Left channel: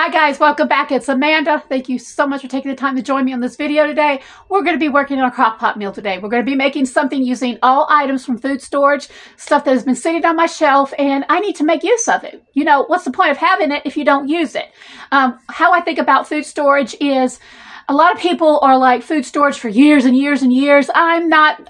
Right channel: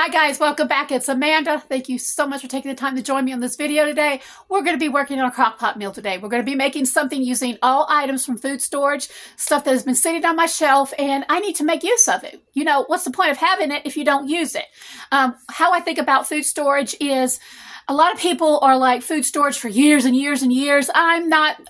Hi guys, welcome back. It's Amanda. Thank you so much for taking the time to join me on this video today. We're going to be working on a Crockpot meal today. We're going to be making something using all items from food storage, stuff that has been sitting on my shelf, and I need to make use of it. You know, what's the point of having it if you don't use it? How I think about food storage is a lot of people are like food storage for years and years and years. I'm not.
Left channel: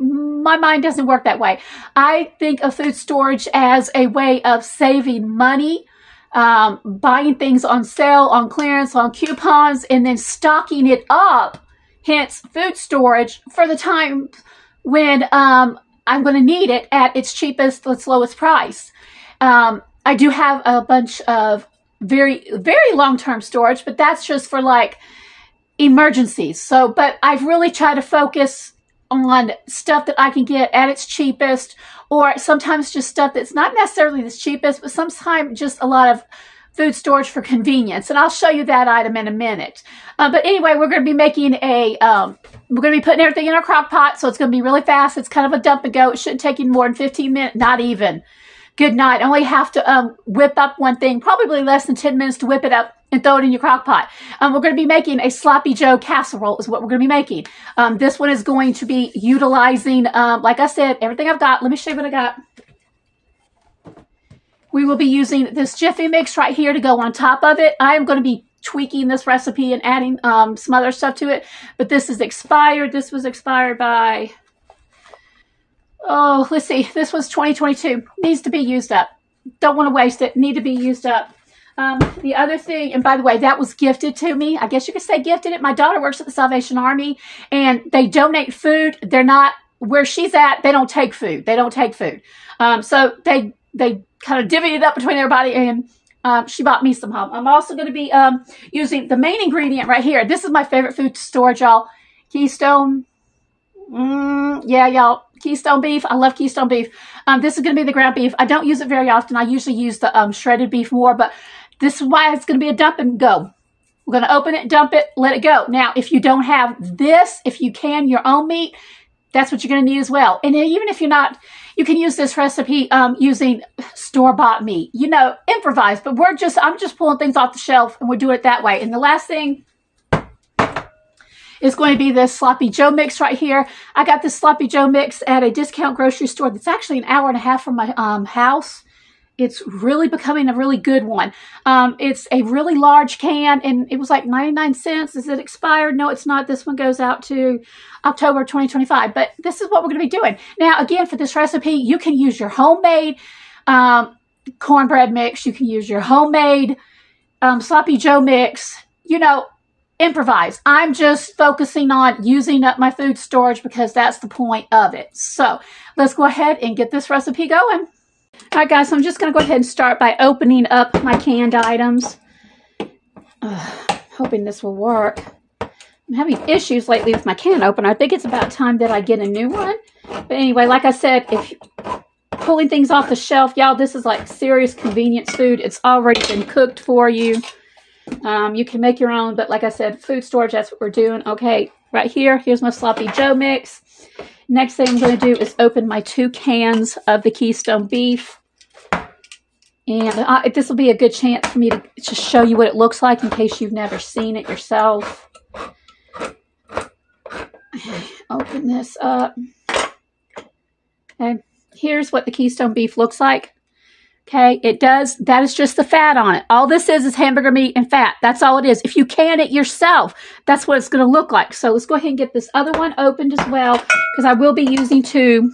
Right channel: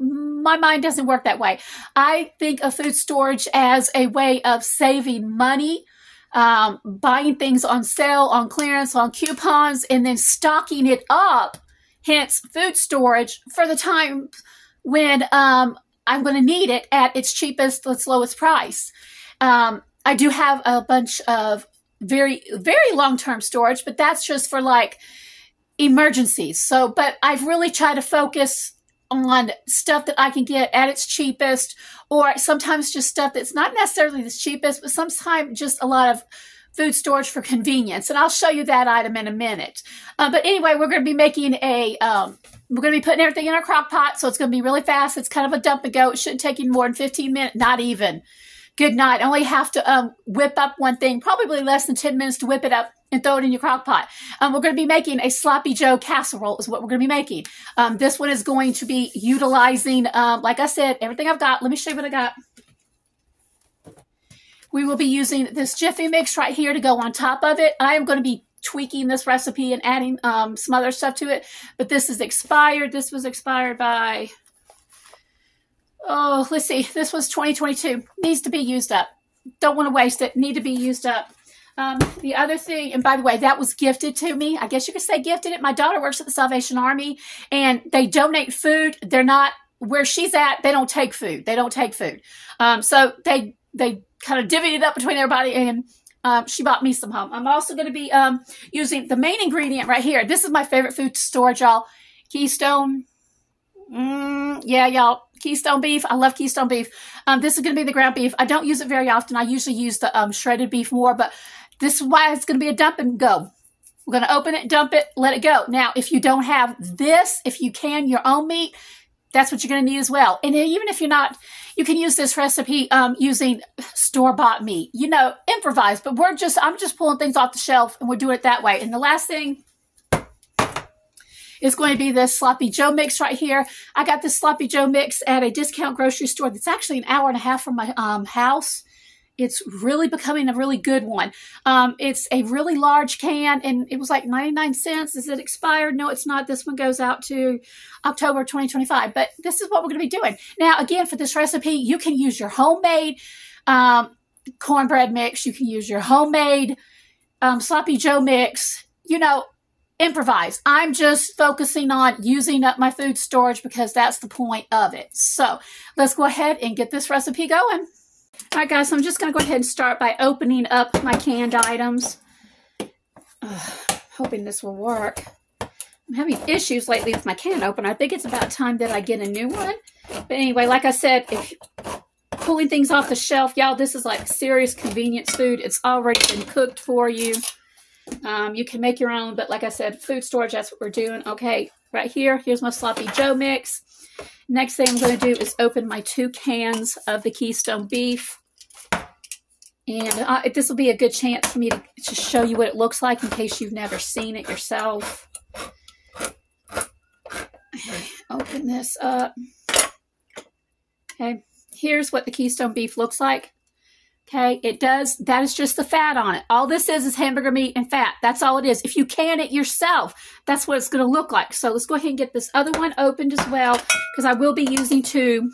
My mind doesn't work that way. I think of food storage as a way of saving money, buying things on sale, on clearance, on coupons, and then stocking it up, hence food storage, for the time when I'm going to need it at its cheapest, its lowest price. I do have a bunch of very, very long-term storage, but that's just for like emergencies. So, but I've really tried to focus on stuff that I can get at its cheapest, or sometimes just stuff that's not necessarily the cheapest, but sometimes just a lot of food storage for convenience. And I'll show you that item in a minute. But anyway, we're going to be making we're going to be putting everything in our crock pot, so it's going to be really fast. It's kind of a dump and go. It shouldn't take you more than 15 minutes, not even. Good night. I only have to whip up one thing, probably less than 10 minutes to whip it up and throw it in your crock pot. We're going to be making a Sloppy Joe casserole is what we're going to be making. This one is going to be utilizing, like I said, everything I've got. Let me show you what I got. We will be using this Jiffy mix right here to go on top of it. I am going to be tweaking this recipe and adding some other stuff to it, but this is expired. This was expired by, oh, let's see. This was 2022. Needs to be used up. Don't want to waste it. Need to be used up. The other thing, and by the way, that was gifted to me. I guess you could say gifted it. My daughter works at the Salvation Army, and they donate food. They're not, where she's at, they don't take food. They don't take food. So they kind of divvied it up between everybody, and she bought me some home. I'm also going to be using the main ingredient right here. This is my favorite food storage, y'all. Keystone. Yeah, y'all. Keystone beef. I love Keystone beef. This is going to be the ground beef. I don't use it very often. I usually use the shredded beef more, but this is why it's going to be a dump and go. We're going to open it, dump it, let it go. Now, if you don't have this, if you can your own meat, that's what you're going to need as well. And even if you're not, you can use this recipe using store-bought meat. You know, improvise. But I'm just pulling things off the shelf, and we're doing it that way. And the last thing is going to be this Sloppy Joe mix right here. I got this Sloppy Joe mix at a discount grocery store that's actually an hour and a half from my house. It's really becoming a really good one. It's a really large can, and it was like 99 cents. Is it expired? No, it's not. This one goes out to October 2025, but this is what we're going to be doing. Now, again, for this recipe, you can use your homemade cornbread mix. You can use your homemade Sloppy Joe mix. You know, improvise. I'm just focusing on using up my food storage because that's the point of it. So let's go ahead and get this recipe going. All right, guys, so I'm just going to go ahead and start by opening up my canned items. Hoping this will work. I'm having issues lately with my can opener. I think it's about time that I get a new one. But anyway, like I said, if pulling things off the shelf, y'all, this is like serious convenience food. It's already been cooked for you. You can make your own, but like I said, food storage, that's what we're doing. Okay, right here, here's my Sloppy Joe mix. Next thing I'm going to do is open my 2 cans of the Keystone beef. And this will be a good chance for me to just show you what it looks like in case you've never seen it yourself. Okay, open this up. Okay, here's what the Keystone beef looks like. Okay, it does. That is just the fat on it. All this is hamburger meat and fat. That's all it is. If you can it yourself, that's what it's going to look like. So let's go ahead and get this other one opened as well, because I will be using 2.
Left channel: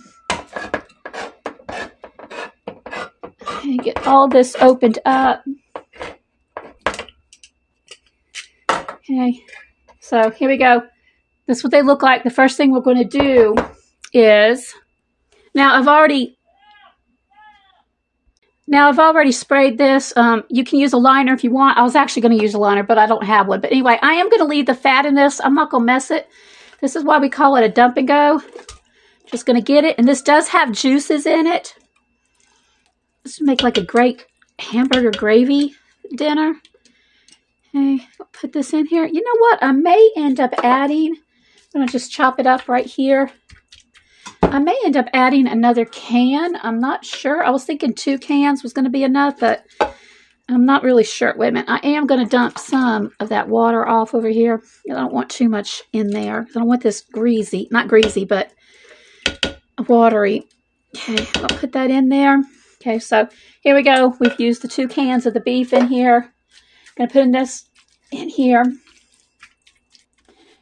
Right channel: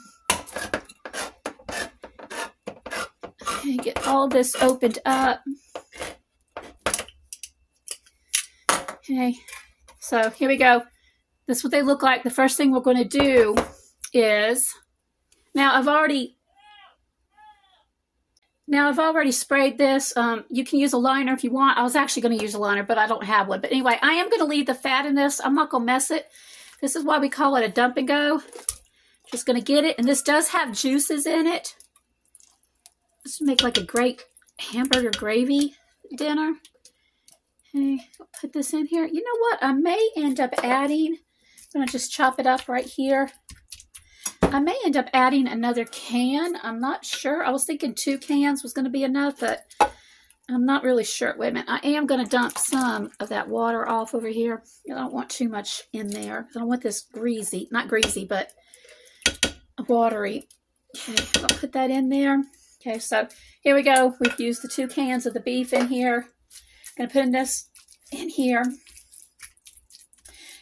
Okay, get all this opened up. Okay, so here we go. This is what they look like. The first thing we're going to do is, now I've already sprayed this. You can use a liner if you want. I was actually going to use a liner, but I don't have one. But anyway, I am going to leave the fat in this. I'm not going to mess it. This is why we call it a dump and go. Just going to get it. And this does have juices in it. This would make like a great hamburger gravy dinner. Okay, I'll put this in here. You know what? I may end up adding, I'm going to just chop it up right here. I may end up adding another can. I'm not sure. I was thinking 2 cans was going to be enough, but I'm not really sure. Wait a minute. I am going to dump some of that water off over here. I don't want too much in there. I don't want this greasy, not greasy, but watery. Okay, I'll put that in there. Okay, so here we go. We've used the 2 cans of the beef in here. I'm going to put this in here.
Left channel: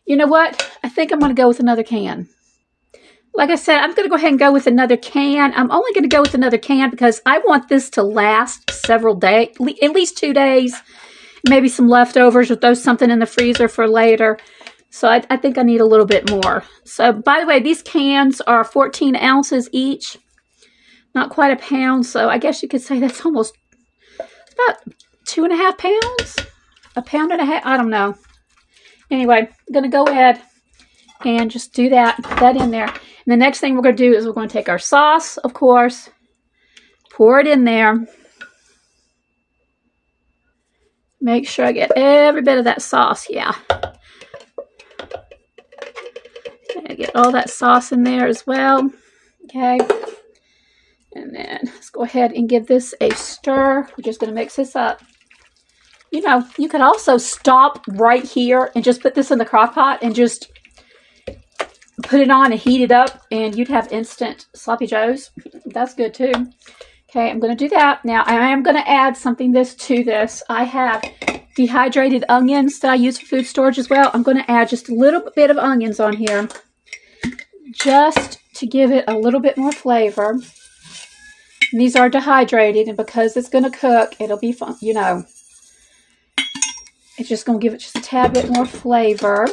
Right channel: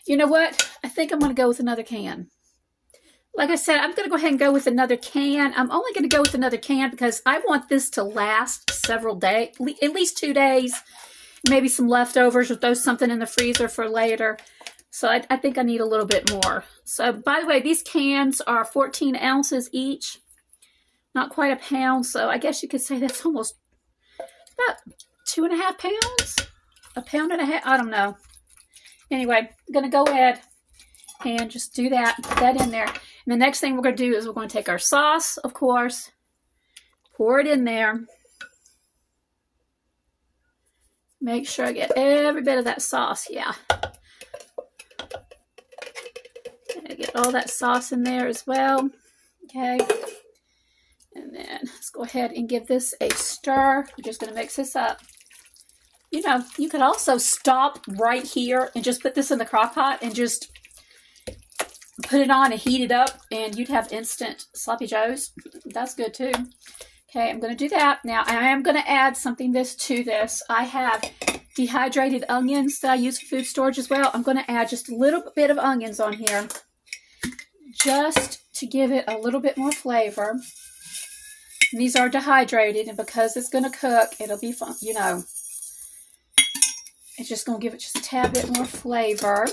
You know what? I think I'm going to go with another can. Like I said, I'm going to go ahead and go with another can. I'm only going to go with another can because I want this to last several days, at least 2 days. Maybe some leftovers or throw something in the freezer for later. So I think I need a little bit more. So, by the way, these cans are 14 ounces each. Not quite a pound, so I guess you could say that's almost about 2.5 pounds. A pound and a half, I don't know. Anyway, I'm going to go ahead and just do that, put that in there. And the next thing we're going to do is we're going to take our sauce, of course, pour it in there. Make sure I get every bit of that sauce, yeah. Okay, get all that sauce in there as well, okay. And then let's go ahead and give this a stir. We're just going to mix this up. You know, you could also stop right here and just put this in the crock pot and just put it on and heat it up, and you'd have instant sloppy joes. That's good too. Okay, I'm going to do that. Now, I am going to add something to this. I have dehydrated onions that I use for food storage as well. I'm going to add just a little bit of onions on here just to give it a little bit more flavor. And these are dehydrated, and because it's going to cook, it'll be fun, you know. It's just going to give it just a tad bit more flavor.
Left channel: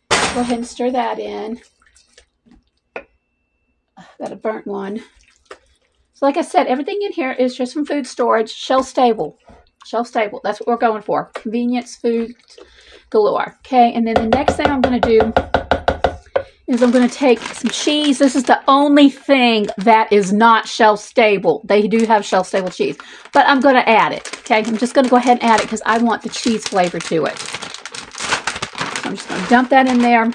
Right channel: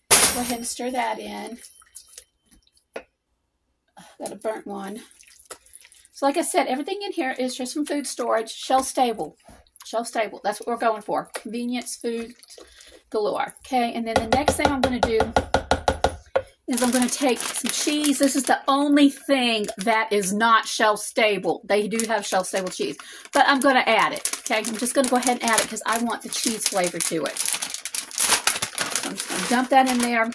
Go ahead and stir that in. Got a burnt one. So like I said, everything in here is just from food storage, shelf stable. Shelf stable. That's what we're going for. Convenience food galore. Okay, and then the next thing I'm going to do is I'm going to take some cheese. This is the only thing that is not shelf stable. They do have shelf stable cheese, but I'm going to add it. Okay, I'm just going to go ahead and add it because I want the cheese flavor to it. So I'm just going to dump that in there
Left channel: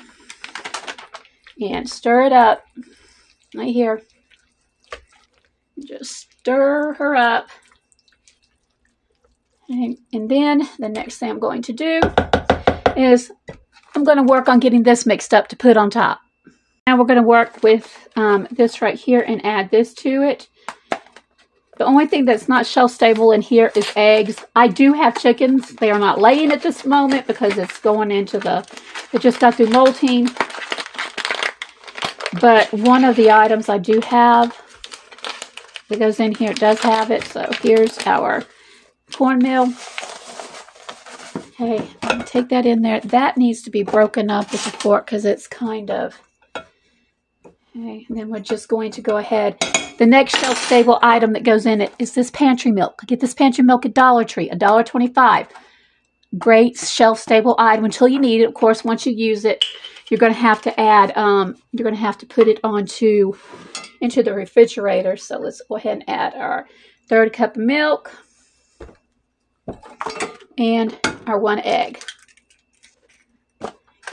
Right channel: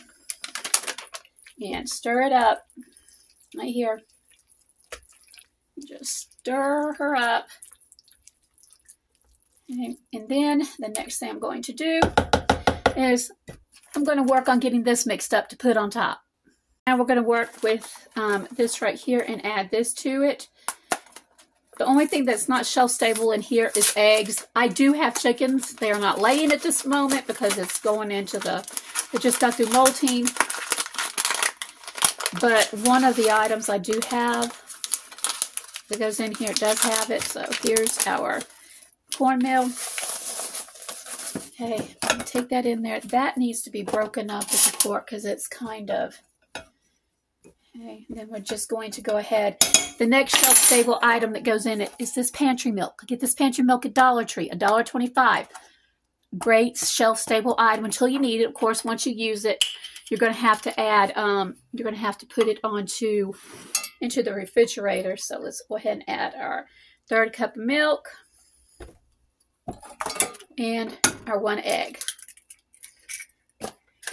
and stir it up right here. Just stir her up. Okay. And then the next thing I'm going to do is I'm going to work on getting this mixed up to put on top. Now we're going to work with this right here and add this to it. The only thing that's not shelf stable in here is eggs. I do have chickens. They are not laying at this moment because it's going into it just got through molting. But one of the items I do have that goes in here, it does have it. So here's our cornmeal. Okay, I'll take that in there. That needs to be broken up with a fork because it's kind of... Okay, and then we're just going to go ahead. The next shelf-stable item that goes in it is this pantry milk. Get this pantry milk at Dollar Tree, $1.25. Great shelf-stable item until you need it. Of course, once you use it, you're going to have to add, you're going to have to put it into the refrigerator. So let's go ahead and add our 1/3 cup of milk and our 1 egg.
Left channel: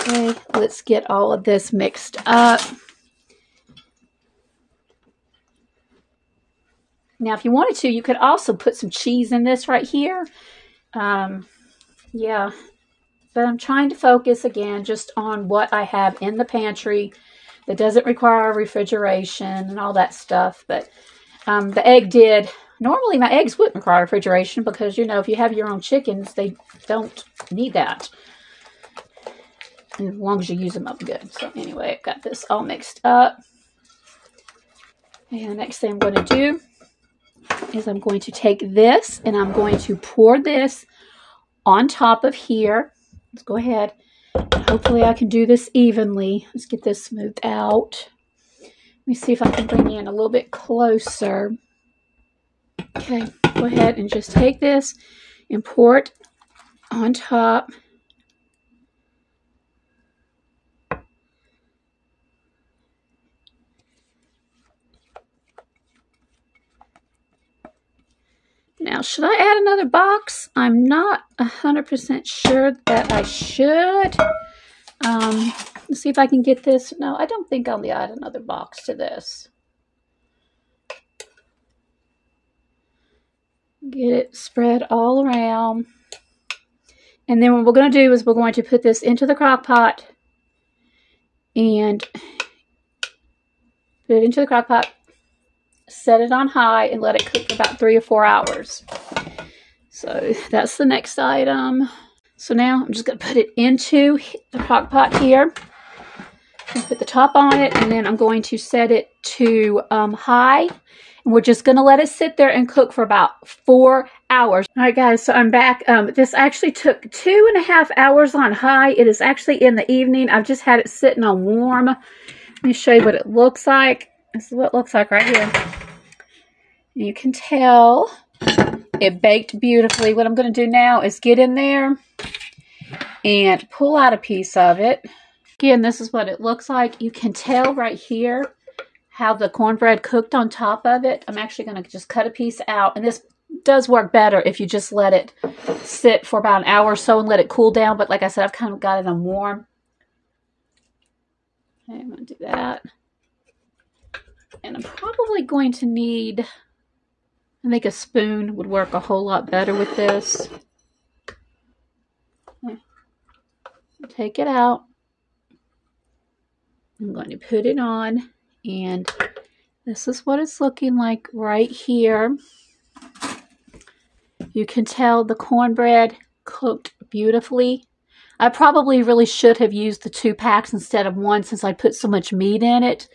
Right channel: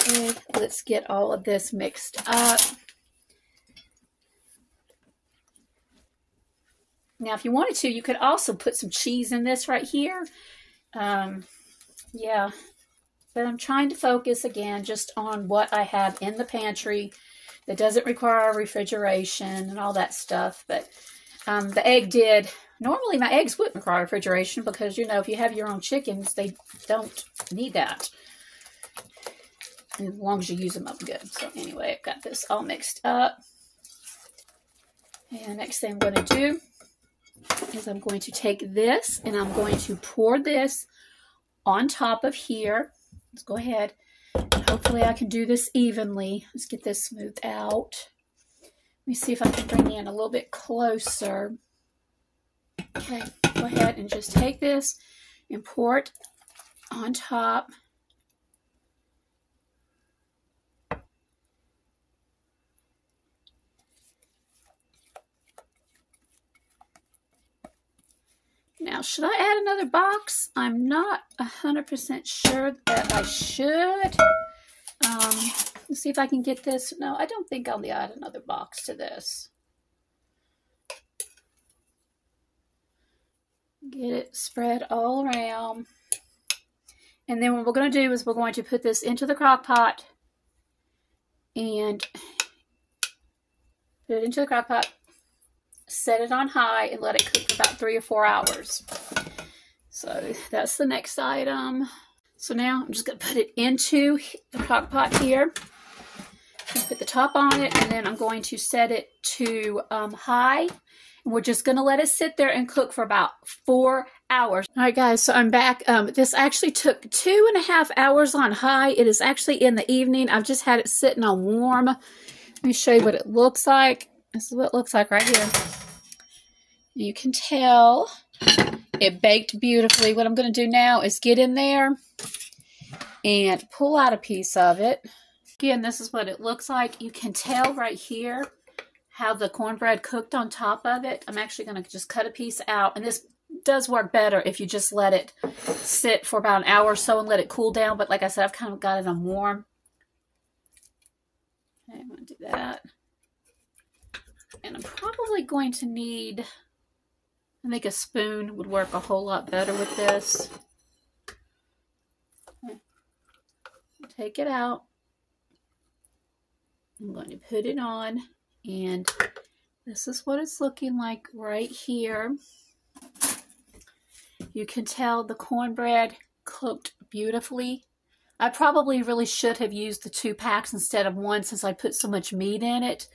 Okay, let's get all of this mixed up. Now, if you wanted to, you could also put some cheese in this right here. Yeah, but I'm trying to focus again just on what I have in the pantry that doesn't require refrigeration and all that stuff. But the egg did. Normally, my eggs wouldn't require refrigeration because, you know, if you have your own chickens, they don't need that. And as long as you use them up good. So anyway, I've got this all mixed up. And the next thing I'm going to do is I'm going to take this and I'm going to pour this on top of here. Let's go ahead. And hopefully I can do this evenly. Let's get this smoothed out. Let me see if I can bring you in a little bit closer. Okay, go ahead and just take this and pour it on top. Now, should I add another box? I'm not 100% sure that I should. Let's see if I can get this. No, I don't think I'll add another box to this. Get it spread all around. And then what we're going to do is we're going to put this into the crock pot and put it into the crock pot, set it on high, and let it cook for about 3 or 4 hours. So that's the next item. So now I'm just going to put it into the crock pot here. Put the top on it, and then I'm going to set it to high. And we're just going to let it sit there and cook for about 4 hours. All right, guys, so I'm back. This actually took 2.5 hours on high. It is actually in the evening. I've just had it sitting on warm. Let me show you what it looks like. This is what it looks like right here. You can tell it baked beautifully. What I'm going to do now is get in there and pull out a piece of it. Again, this is what it looks like. You can tell right here how the cornbread cooked on top of it. I'm actually going to just cut a piece out. And this does work better if you just let it sit for about an hour or so and let it cool down. But like I said, I've kind of got it on warm. Okay, I'm going to do that. And I'm probably going to need, I think a spoon would work a whole lot better with this. Okay. Take it out. I'm going to put it on, and this is what it's looking like right here. You can tell the cornbread cooked beautifully. I probably really should have used the 2 packs instead of 1 since I put so much meat in it.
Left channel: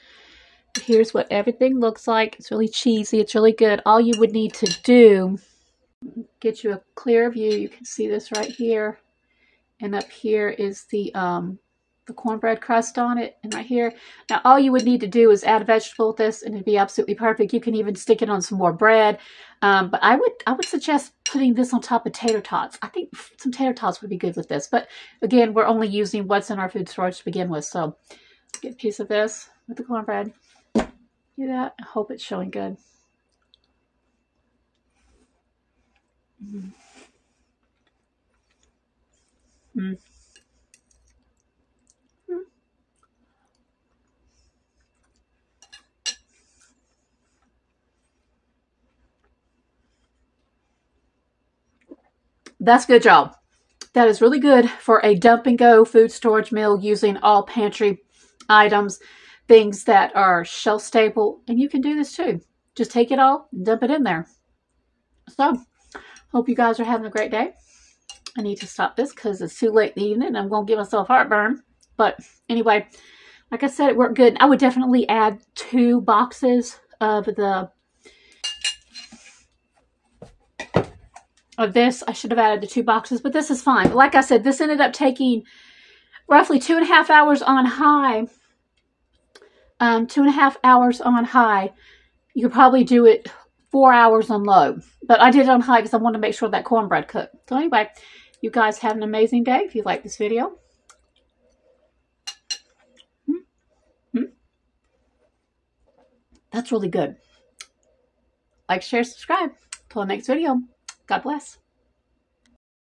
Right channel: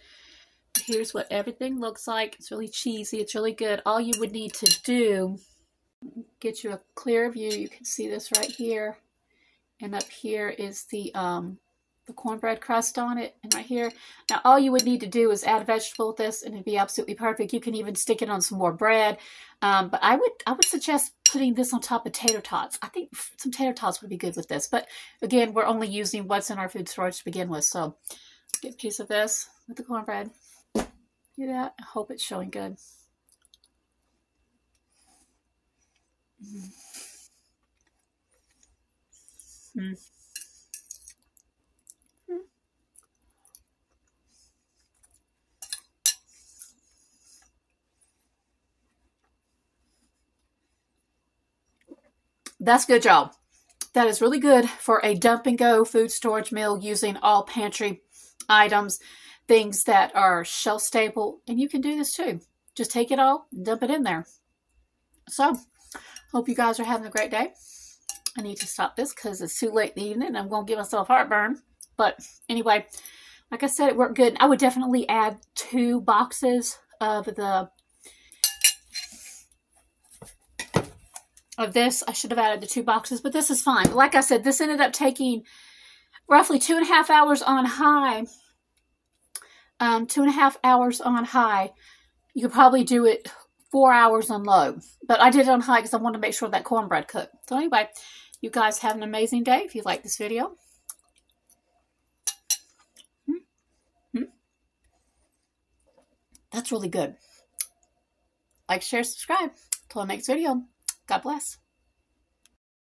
Here's what everything looks like. It's really cheesy. It's really good. All you would need to do, get you a clear view. You can see this right here. And up here is the cornbread crust on it, and right here. Now, all you would need to do is add a vegetable with this, and it'd be absolutely perfect. You can even stick it on some more bread. But I would suggest putting this on top of tater tots. I think some tater tots would be good with this. But again, we're only using what's in our food storage to begin with. So get a piece of this with the cornbread. Do that. I hope it's showing good. That's good, y'all. That is really good for a dump and go food storage meal using all pantry items, things that are shelf stable. And you can do this too. Just take it all and dump it in there. So, hope you guys are having a great day. I need to stop this because it's too late in the evening and I'm going to give myself heartburn. But anyway, like I said, it worked good. I would definitely add 2 boxes of this. I should have added the 2 boxes, but this is fine. But like I said, this ended up taking roughly 2.5 hours on high. 2.5 hours on high. You could probably do it 4 hours on low. But I did it on high because I wanted to make sure that cornbread cooked. So anyway, you guys have an amazing day if you like this video. That's really good. Like, share, subscribe. Till the next video. God bless.